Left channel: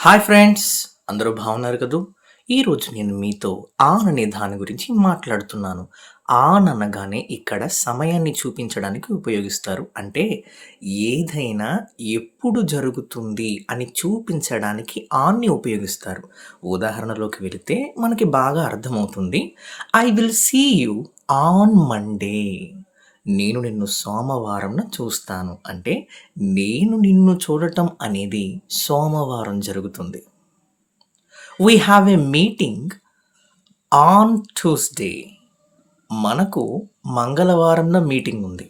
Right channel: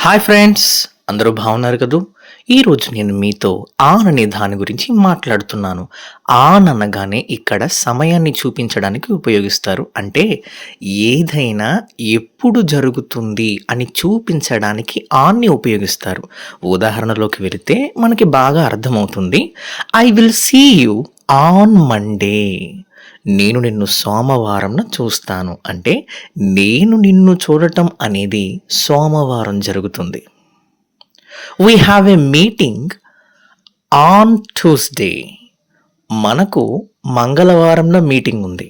Hi friends, అందరూ బాగున్నారు కదూ? ఈరోజు నేను మీతో ఆన్ అనే దాని గురించి మాట్లాడుతున్నాను. ఆన్ అనగానే ఇక్కడ సమయాన్ని చూపించడానికి ఉపయోగిస్తారు. అంటే ఏదైనా ఎప్పుడు జరుగుతుంది అని చూపించడానికి ఆన్‌ని ఉపయోగిస్తారు. ఉదాహరణలోకి వెళితే మనకి బాగా అర్థమవుతుంది. I will see you on Monday. నేను నిన్ను సోమవారంన చూస్తాను. అంటే నేను నిన్ను చూడటం అనేది సోమవారం జరుగుతుంది. We have a meeting on Tuesday. మనకు మంగళవారంలో మీటింగ్ ఉంది.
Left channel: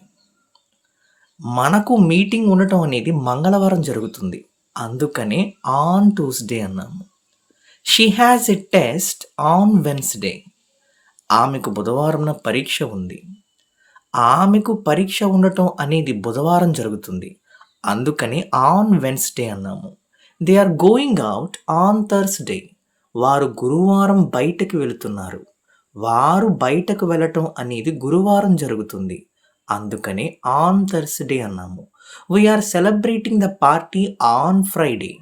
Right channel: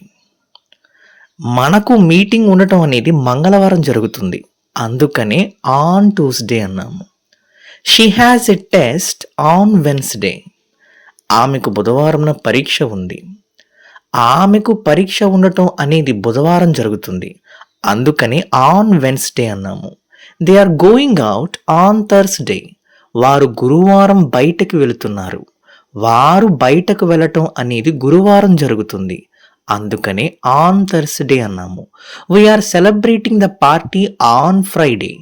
మనకు మీటింగ్ ఉండటం అనేది మంగళవారం జరుగుతుంది. అందుకనే ఆన్ ట్యూస్‌డే అన్నాము. She has a test on Wednesday. ఆమెకు బుధవారంన పరీక్ష ఉంది. ఆమెకు పరీక్ష ఉండటం అనేది బుధవారం జరుగుతుంది. అందుకని ఆన్ వెన్స్‌డే అన్నాము. They are going out on Thursday. వారు గురువారం బయటకి వెళుతున్నారు. వారు బయటకు వెళ్ళటం అనేది గురువారం జరుగుతుంది. అందుకనే ఆన్ థర్స్‌డే అన్నాము. We are celebrating the party on Friday.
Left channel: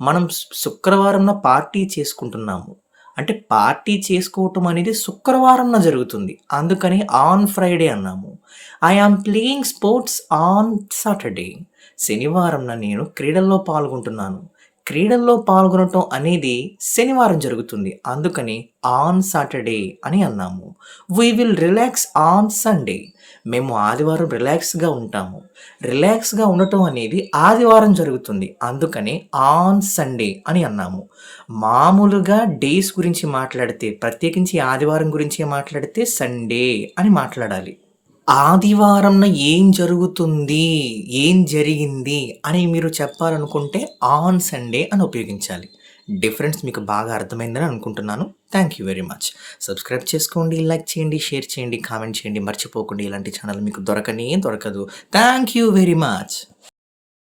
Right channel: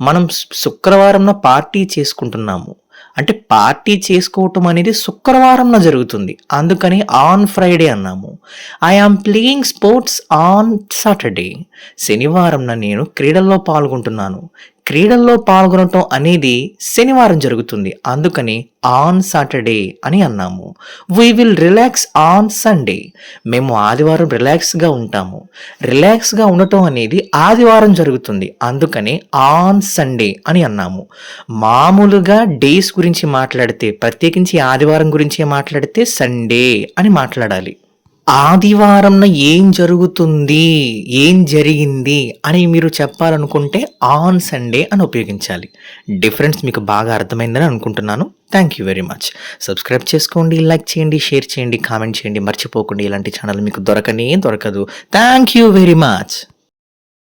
మనం శుక్రవారంన పార్టీ చేసుకుంటున్నాము. అంటే పార్టీ చేసుకోవటం అనేది శుక్రవారంన జరుగుతుంది. అందుకని ఆన్ ఫ్రైడే అన్నాము. I am playing sports on Saturday. శనివారంన నేను క్రీడల్లో పాల్గొంటున్నాను. క్రీడల్లో పాల్గొనటం అనేది శనివారం జరుగుతుంది. అందుకని ఆన్ సాటర్డే అని అన్నాము. We will relax on Sunday. మేము ఆదివారం రిలాక్స్‌గా ఉంటాము. రిలాక్స్‌గా ఉండటం అనేది ఆదివారం జరుగుతుంది. అందుకని ఆన్ సండే అని అన్నాము. మామూలుగా డేస్ గురించి మాట్లాడితే, ప్రత్యేకించి ఆదివారం గురించే మాట్లాడితే సండే అని మాట్లాడాలి. ఆదివారంన ఏం జరుగుతుంది? ఏం జరిగింది? అని మీరు చెప్పాలనుకుంటే ఆన్ సండే అని ఉపయోగించాలి. డిఫరెన్స్ మీకు బాగా అర్థమైందని అనుకుంటున్నాను. Thank you very much. Subscribe చేసుకోండి, లైక్ చేయండి, షేర్ చేయండి, కామెంట్ చేయండి. మర్చిపోకండి, ఇలాంటి ఛానల్ మీకు దొరకనే దొరకదు. Thank you very much.